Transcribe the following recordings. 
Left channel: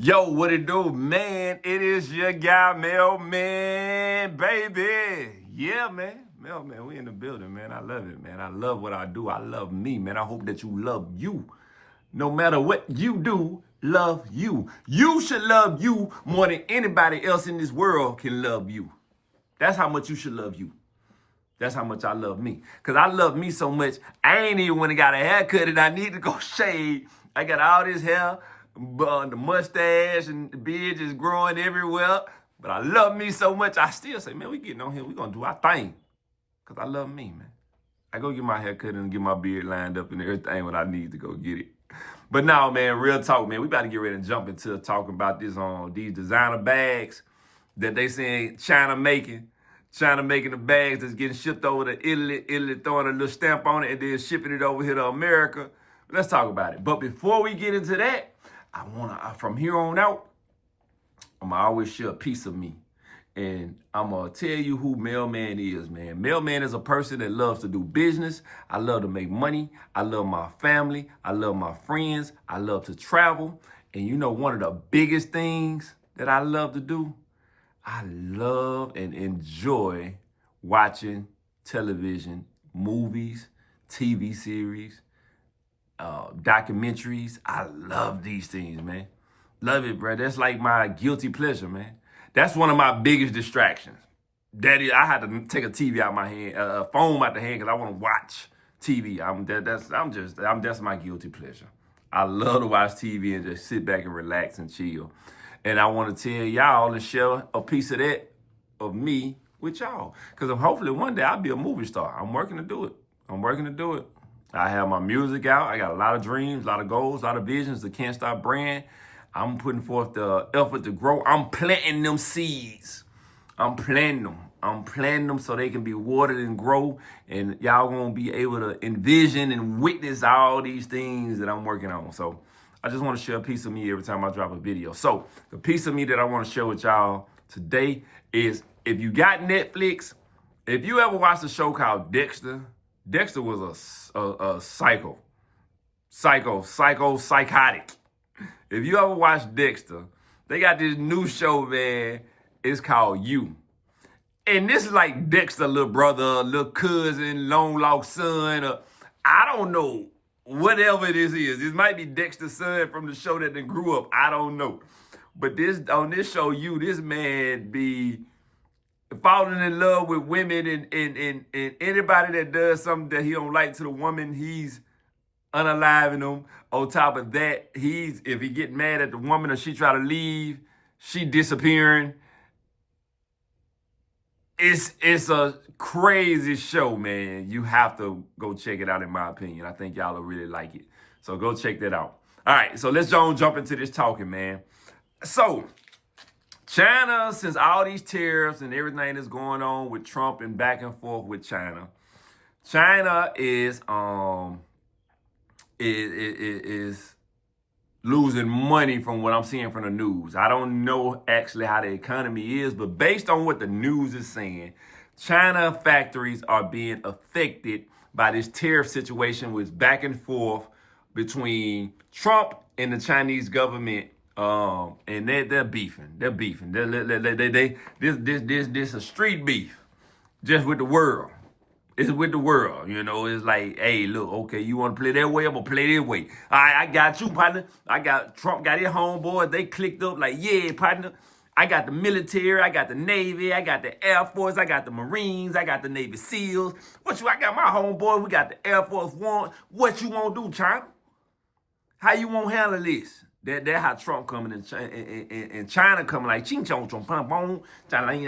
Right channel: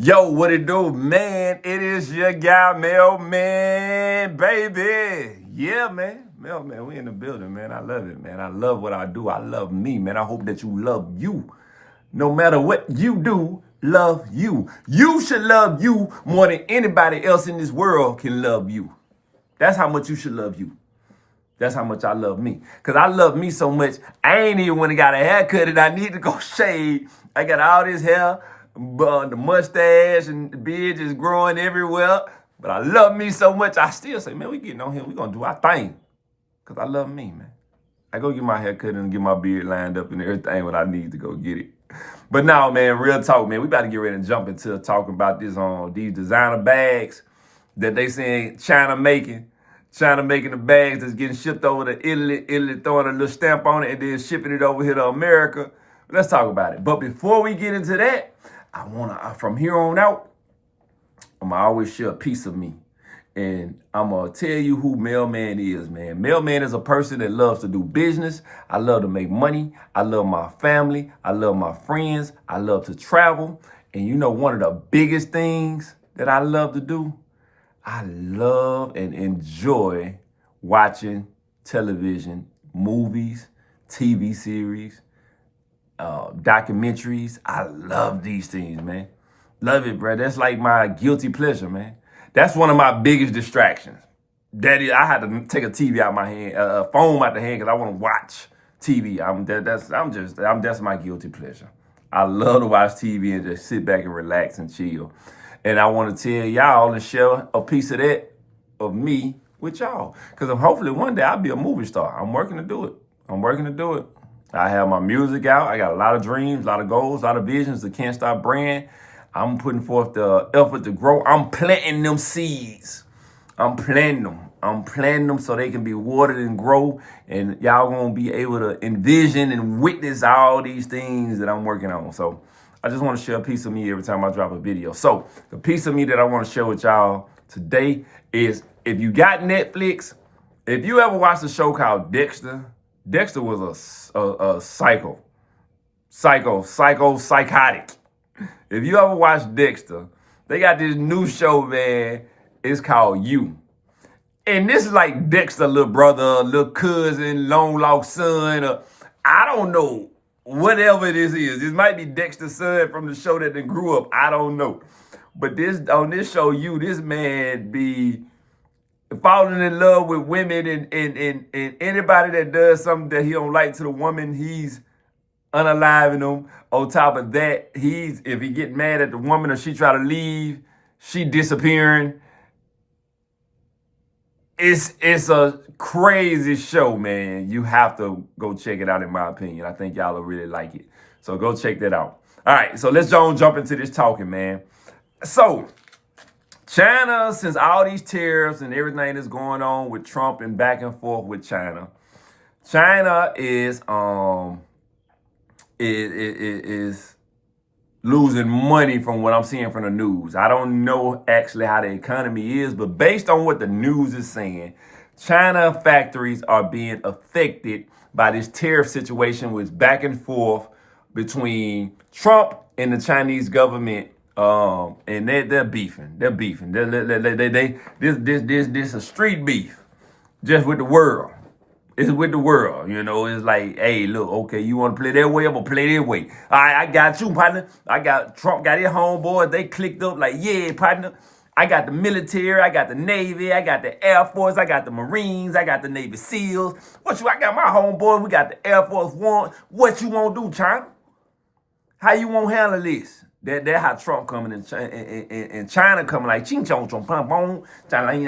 Yo, what it do, man? It is your guy, Mailman, baby. Yeah, man. Mailman, we in the building, man. I love it, man. I love what I do. I love me, man. I hope that you love you. No matter what you do, love you. You should love you more than anybody else in this world can love you. That's how much you should love you. That's how much I love me. Because I love me so much, I ain't even when I got a haircut and I need to go shave. I got all this hair, the mustache and the beard is growing everywhere. But I love me so much, I still say, man, we getting on here. We going to do our thing. Because I love me, man. I go get my haircut and get my beard lined up and everything when I need to go get it. But now, man, real talk, man. We about to get ready and jump into talking about these designer bags that they saying China making the bags that's getting shipped over to Italy throwing a little stamp on it and then shipping it over here to America. Let's talk about it. But before we get into that, from here on out, I'm gonna always share a piece of me. And I'm gonna tell you who Mailman is, man. Mailman is a person that loves to do business. I love to make money. I love my family. I love my friends. I love to travel. And you know, one of the biggest things that I love to do, I love and enjoy watching television, movies, TV series, documentaries. I love these things, man. Love it, bro. That's like my guilty pleasure, man. That's one of my biggest distractions. Daddy, I had to take a TV out my hand, a phone out the hand, because I want to watch TV. That's my guilty pleasure. I love to watch TV and just sit back and relax and chill. And I want to tell y'all and share a piece of that, of me, with y'all. Because hopefully one day I'll be a movie star. I'm working to do it. I have my music out. I got a lot of dreams, a lot of goals, a lot of visions. The Can't Stop brand. I'm putting forth the effort to grow. I'm planting them seeds. I'm planting them so they can be watered and grow. And y'all gonna be able to envision and witness all these things that I'm working on. So I just want to share a piece of me every time I drop a video. So the piece of me that I want to share with y'all today is, if you got Netflix, if you ever watched a show called Dexter, Dexter was a psychotic. If you ever watched Dexter, they got this new show, man. It's called You. And this is like Dexter, little brother, little cousin, long lost son, or I don't know, whatever this is. This might be Dexter's son from the show that they grew up. I don't know. But on this show, You, this man be falling in love with women and anybody that does something that he don't like to the woman, he's unaliving them. On top of that, if he get mad at the woman or she try to leave, she disappearing. It's a crazy show, man. You have to go check it out, in my opinion. I think y'all will really like it. So go check that out. All right, so let's jump into this talking, man. So China, since all these tariffs and everything that's going on with Trump and back and forth with China is losing money from what I'm seeing from the news. I don't know actually how the economy is, but based on what the news is saying, China factories are being affected by this tariff situation with back and forth between Trump and the Chinese government. And they're beefing. This a street beef, just with the world. It's with the world, you know. It's like, hey, look, okay, you want to play that way? I'm going to play that way. All right, I got you, partner. Trump got his homeboys. They clicked up like, yeah, partner. I got the military. I got the Navy. I got the Air Force. I got the Marines. I got the Navy SEALs. I got my homeboys. We got the Air Force One. What you want to do, China? How you want to handle this? That's how Trump coming and China coming like ching chong chong pom pom. I ain't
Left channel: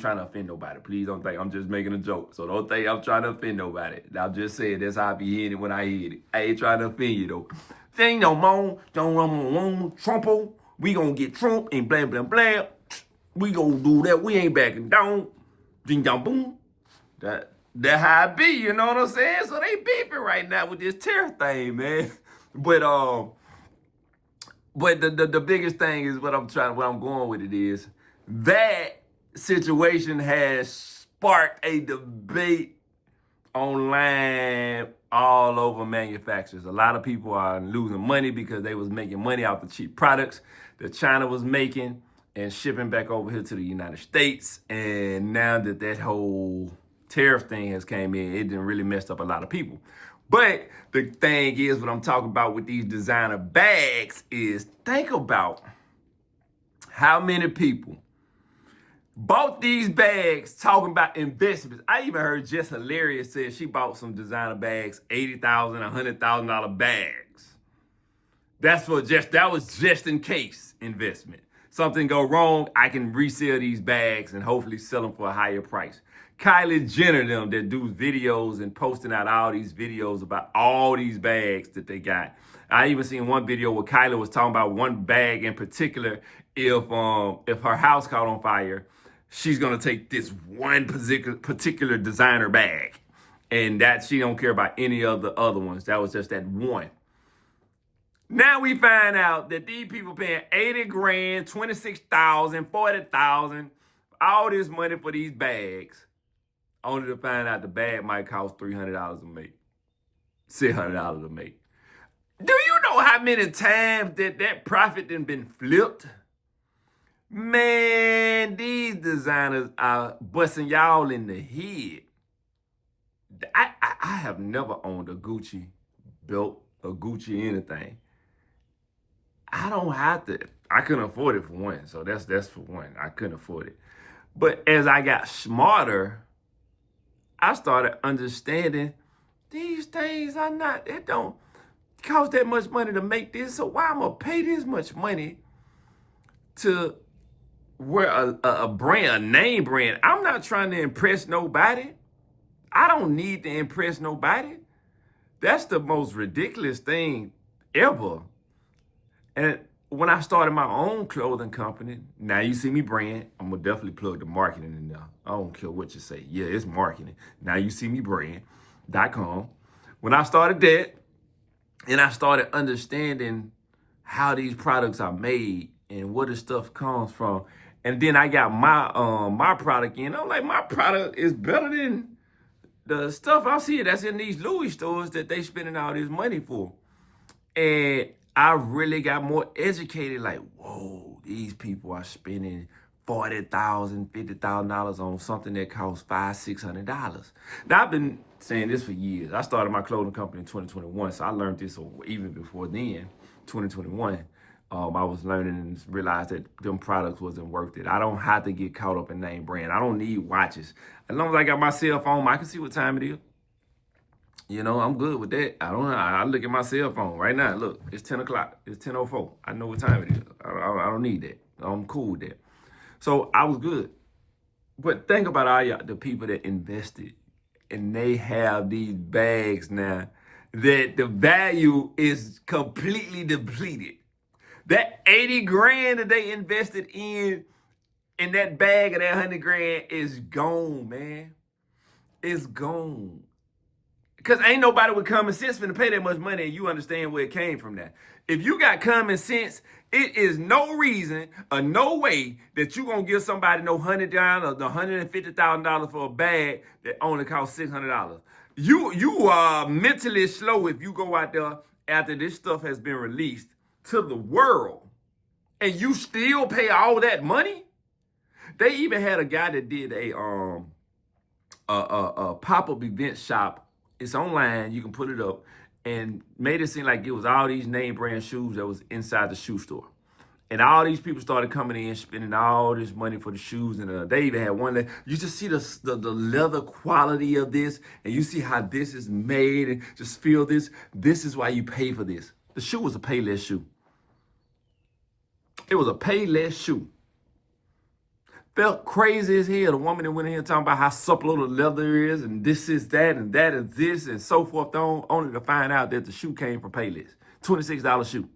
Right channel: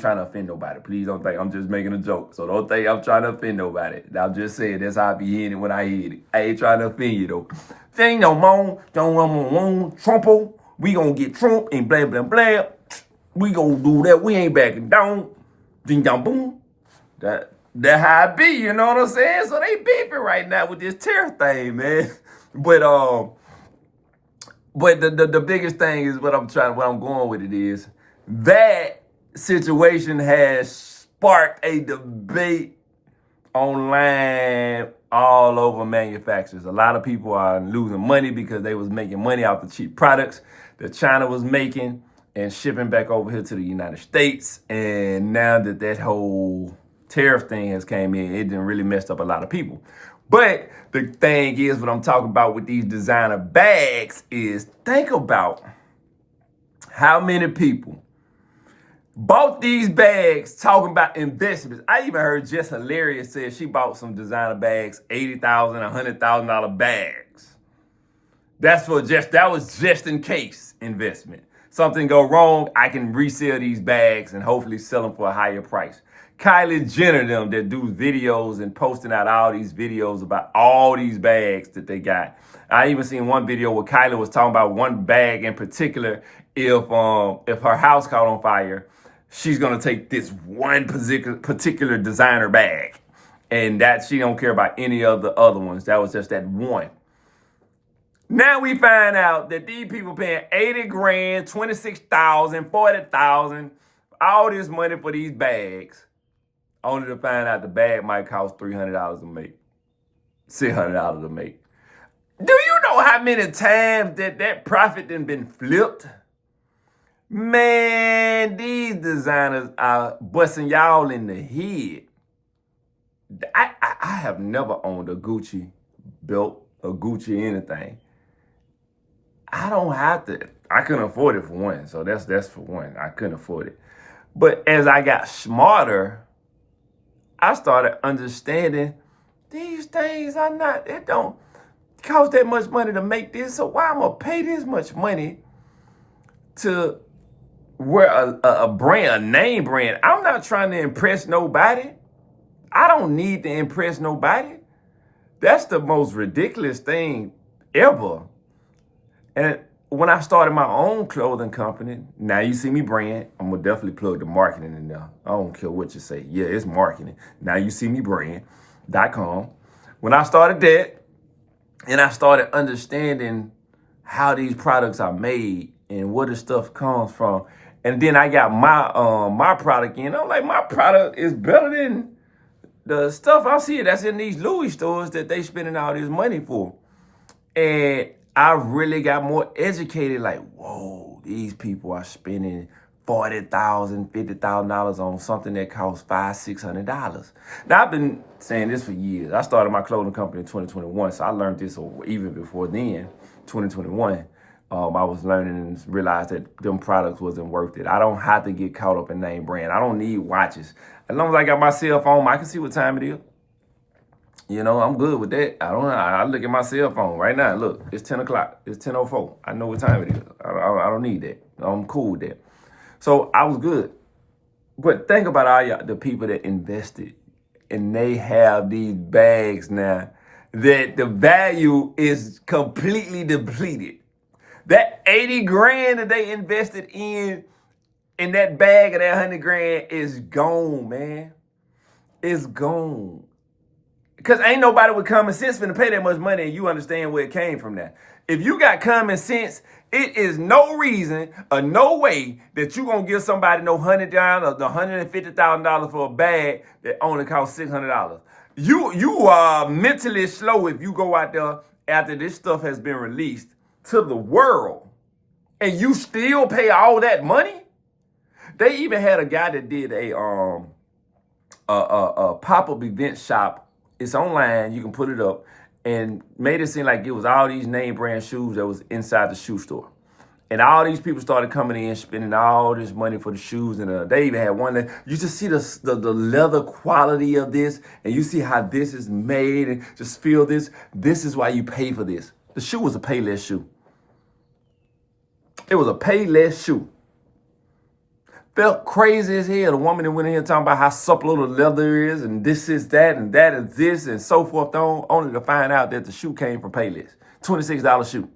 trying to offend nobody. Please don't think I'm just making a joke. So don't think I'm trying to offend nobody. I'm just saying that's how I be hearing it when I hear it. I ain't trying to offend you though. Thing no more. Don't run Trumpo. We gonna get Trump and blah blah blah. We gonna do that. We ain't backing down. Ding dong boom. That how it be. You know what I'm saying? So they beefing right now with this tariff thing, man. But the biggest thing is what I'm going with it is that situation has sparked a debate online all over manufacturers. A lot of people are losing money because they was making money off the cheap products that China was making and shipping back over here to the United States. And now that whole tariff thing has came in, it didn't really messed up a lot of people. But the thing is, what I'm talking about with these designer bags is, think about how many people bought these bags talking about investments. I even heard Jess Hilarious say she bought some designer bags, $80,000, $100,000 bags. That was just in case investment. Something go wrong, I can resell these bags and hopefully sell them for a higher price. Kylie Jenner, them that do videos and posting out all these videos about all these bags that they got. I even seen one video where Kylie was talking about one bag in particular. If her house caught on fire, she's gonna take this one particular designer bag, and that she don't care about any of the other ones. That was just that one. Now we find out that these people paying 80 grand, 26,000, 40,000, all this money for these bags, only to find out the bag might cost $300 to make, $600 to make. Do you know how many times that profit done been flipped? Man, these designers are busting y'all in the head. I have never owned a Gucci belt, a Gucci anything. I don't have to. I couldn't afford it for one. So that's for one. I couldn't afford it. But as I got smarter, I started understanding these things it don't cost that much money to make this. So why I'm gonna pay this much money to wear a brand, a name brand? I'm not trying to impress nobody. I don't need to impress nobody. That's the most ridiculous thing ever. And when I started my own clothing company, now you see me brand, I'm gonna definitely plug the marketing in there. I don't care what you say. Yeah, it's marketing. Now you see me brand.com. When I started that, and I started understanding how these products are made and where the stuff comes from, and then I got my product in. I'm like, my product is better than the stuff I see that's in these Louis stores that they spending all this money for. And I really got more educated, like, whoa, these people are spending $40,000, $50,000 on something that costs $500, $600. Now, I've been saying this for years. I started my clothing company in 2021, so I learned this even before then, 2021. I was learning and realized that them products wasn't worth it. I don't have to get caught up in name brand. I don't need watches. As long as I got my cell phone, I can see what time it is. You know, I'm good with that. I look at my cell phone right now. Look, it's 10 o'clock. It's 10:04. I know what time it is. I don't need that. I'm cool with that. So I was good. But think about all the people that invested, and they have these bags now that the value is completely depleted. That 80 grand that they invested in that bag of that 100 grand is gone, man. It's gone. Because ain't nobody with common sense finna pay that much money and you understand where it came from now. If you got common sense, it is no reason or no way that you gonna give somebody no $100 or $150,000 for a bag that only costs $600. You are mentally slow if you go out there after this stuff has been released to the world and you still pay all that money. They even had a guy that did a pop-up event shop. It's online, you can put it up, and made it seem like it was all these name brand shoes that was inside the shoe store. And all these people started coming in, spending all this money for the shoes. And they even had one that you just see the leather quality of this, and you see how this is made, and just feel this. This is why you pay for this. The shoe was a Payless shoe. It was a Payless shoe. Felt crazy as hell. The woman that went in here talking about how supple the leather is, and this is that, and that is this, and so forth on, only to find out that the shoe came from Payless. $26 shoe.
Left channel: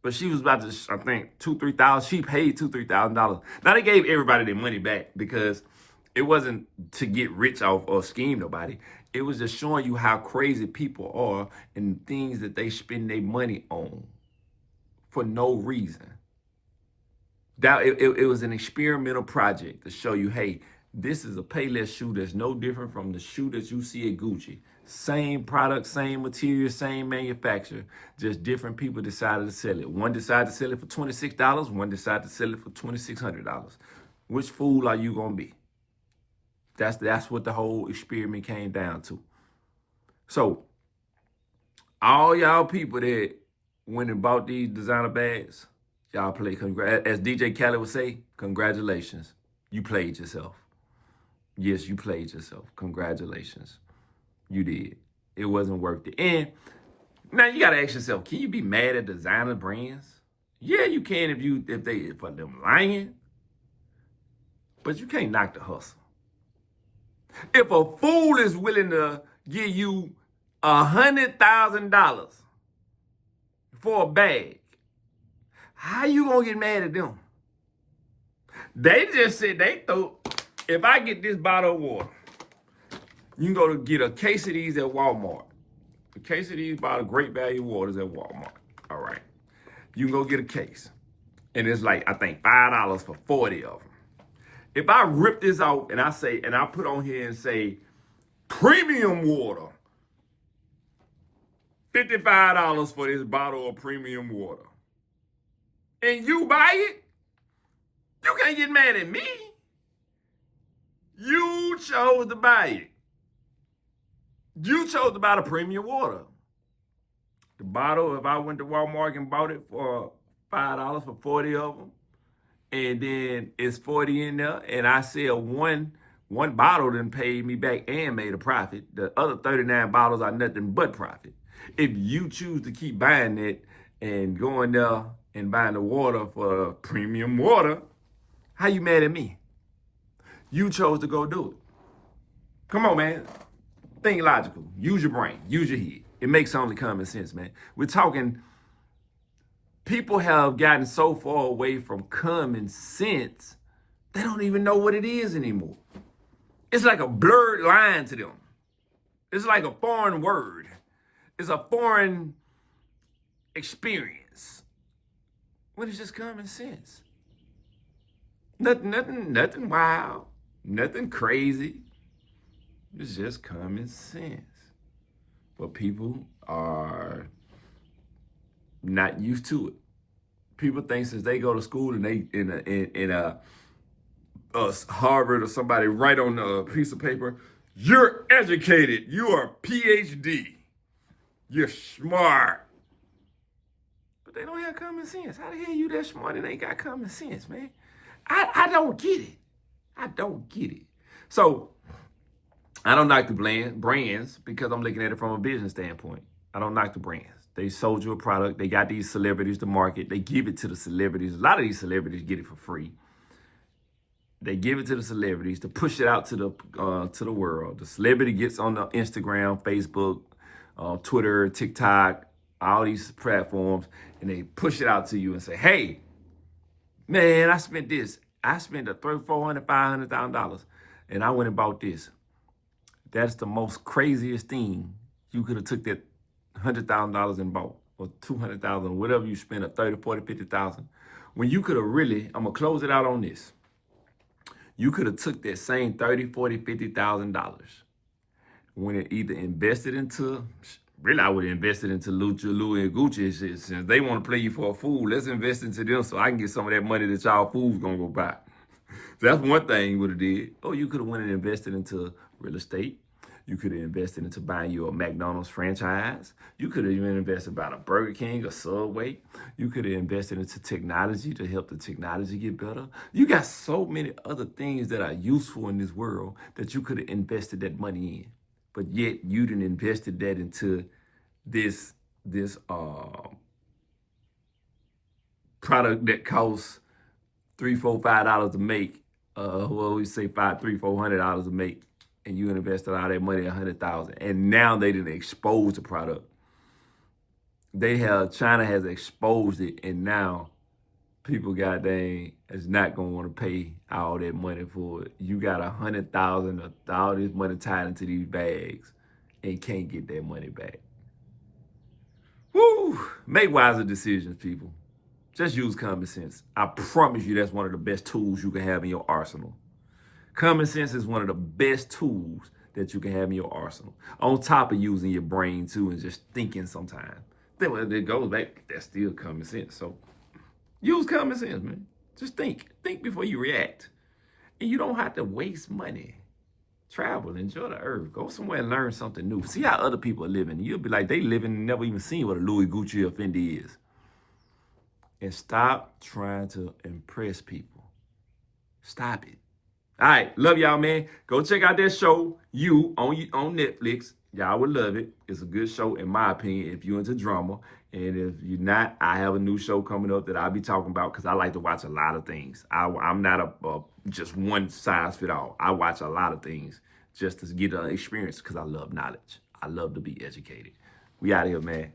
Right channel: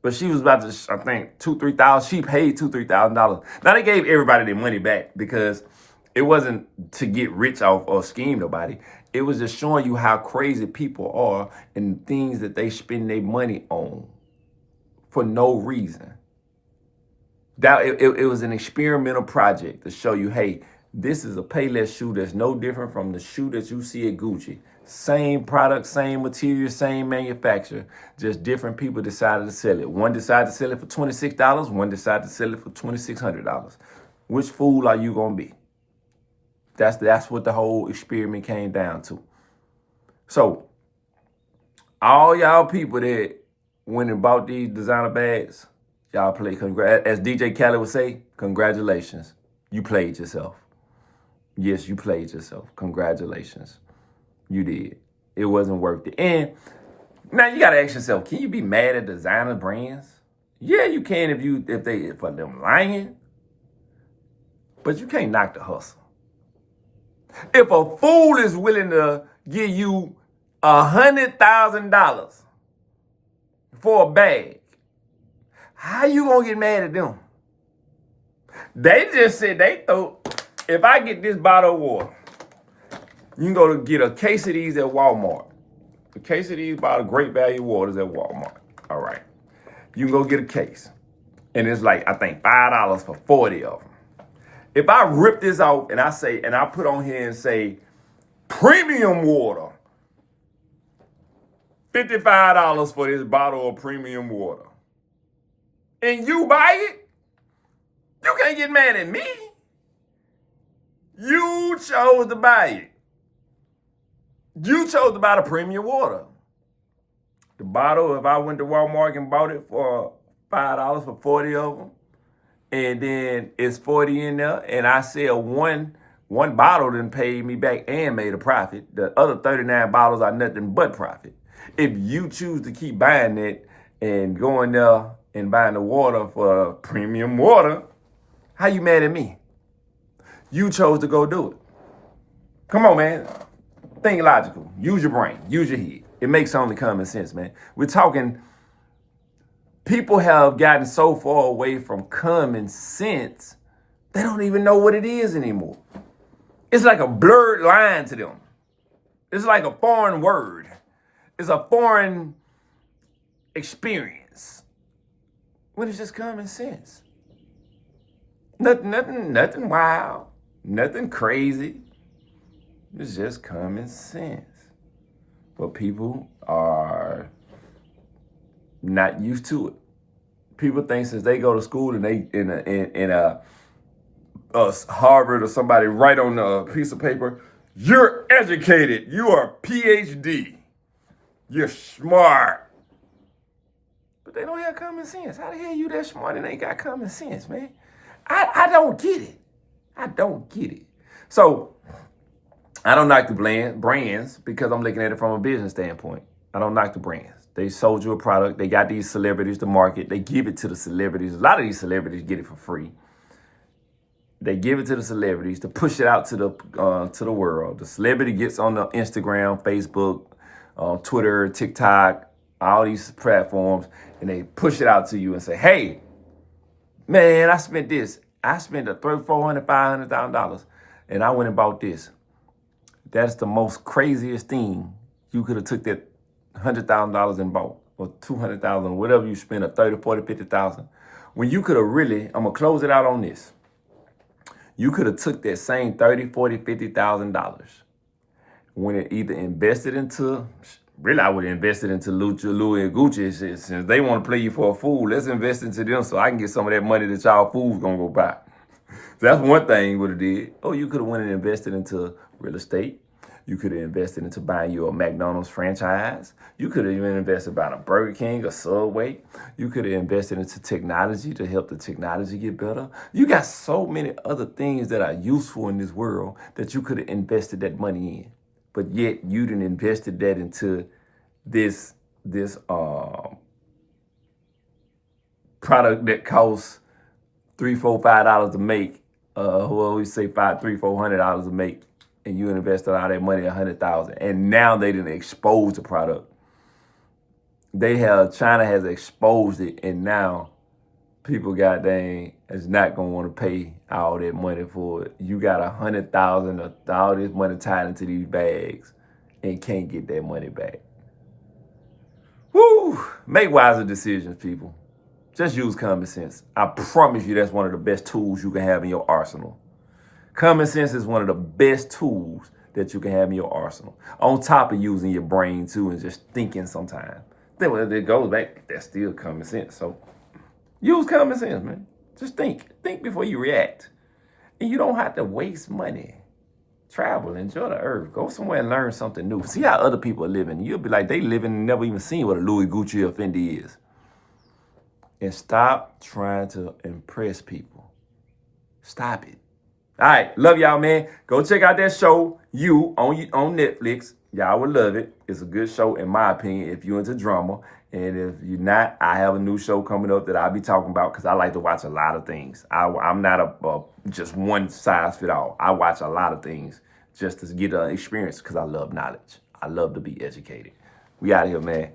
But she was about to, I think, $2,000-$3,000. She paid $2,000-$3,000. Now they gave everybody their money back because it wasn't to get rich off or scheme nobody. It was just showing you how crazy people are and things that they spend their money on for no reason. That it was an experimental project to show you, hey, This is a Payless shoe that's no different from the shoe that you see at Gucci. Same product, same material, same manufacturer, just different people decided to sell it. One decided to sell it for $26, one decided to sell it for $2,600. Which fool are you gonna be? That's what the whole experiment came down to. So, all y'all people that went and bought these designer bags, y'all played, as DJ Khaled would say, congratulations. You played yourself. Yes, you played yourself. Congratulations. You did. It wasn't worth it. And now you gotta ask yourself, can you be mad at designer brands? Yeah, you can if for them lying. But you can't knock the hustle. If a fool is willing to give you $100,000 for a bag, how you gonna get mad at them? They just said they thought, if I get this bottle of water, you can go to get a case of these at Walmart. A case of these bottle great value waters at Walmart. All right. You can go get a case. And it's like, I think $5 for 40 of them. If I rip this out and I put on here and say, premium water, $55 for this bottle of premium water, and you buy it, you can't get mad at me. You chose to buy it. You chose to buy the premium water. The bottle, if I went to Walmart and bought it for $5 for 40 of them, and then it's 40 in there, and I sell one bottle, then paid me back and made a profit. The other 39 bottles are nothing but profit. If you choose to keep buying it and going there and buying the water for premium water, how you mad at me? You chose to go do it. Come on, man. Think logical. Use your brain. Use your head. It makes only common sense, man. We're talking, people have gotten so far away from common sense, they don't even know what it is anymore. It's like a blurred line to them. It's like a foreign word. It's a foreign experience. When it's just common sense. Nothing wild. Nothing crazy. It's just common sense. But people are not used to it. People think since they go to school and they in a Harvard or somebody write on a piece of paper, you're educated, you are a PhD, you're smart. But they don't have common sense. How the hell you that smart and ain't got common sense, man? I don't get it. I don't get it. So I don't knock the brands because I'm looking at it from a business standpoint. I don't knock the brands. They sold you a product. They got these celebrities to market. They give it to the celebrities. A lot of these celebrities get it for free. They give it to the celebrities to push it out to the world. The celebrity gets on the Instagram, Facebook, Twitter, TikTok, all these platforms, and they push it out to you and say, hey, man, I spent this. I spent $400,000, $500,000, and I went and bought this. That's the most craziest thing. You could have took that $100,000 and bought, or $200,000, whatever you spent, or $30,000, $40,000, $50,000. When you could have really, I'm gonna close it out on this. You could have took that same $30,000, $40,000, $50,000 when it either invested into, really I would have invested into Louis and Gucci shit. Since they want to play you for a fool, let's invest into them so I can get some of that money that y'all fools gonna go buy. So that's one thing you would have did. Oh, you could have went and invested into real estate. You could have invested into buying you a McDonald's franchise. You could have even invested buying a Burger King, a Subway. You could have invested into technology to help the technology get better. You got so many other things that are useful in this world that you could have invested that money in. But yet you didn't invested that into this product that costs $3, $4, $5 to make. Well, we say $300, $400 to make. And you invested all that money, $100,000, and now they didn't expose the product. China has exposed it, and now people is not gonna want to pay all that money for it. You got $100,000, all this money tied into these bags, and can't get that money back. Woo! Make wiser decisions, people. Just use common sense. I promise you, that's one of the best tools you can have in your arsenal. Common sense is one of the best tools that you can have in your arsenal. On top of using your brain too and just thinking sometimes. Then when it goes back, that's still common sense. So use common sense, man. Just think. Think before you react. And you don't have to waste money. Travel, enjoy the earth. Go somewhere and learn something new. See how other people are living. You'll be like, they living and never even seen what a Louis, Gucci, or Fendi is. And stop trying to impress people. Stop it. All right, love y'all, man. Go check out that show, You, on Netflix. Y'all would love it. It's a good show, in my opinion, if you're into drama. And if you're not, I have a new show coming up that I'll be talking about because I like to watch a lot of things. I'm not a just one size fit all. I watch a lot of things just to get an experience because I love knowledge. I love to be educated. We out of here, man.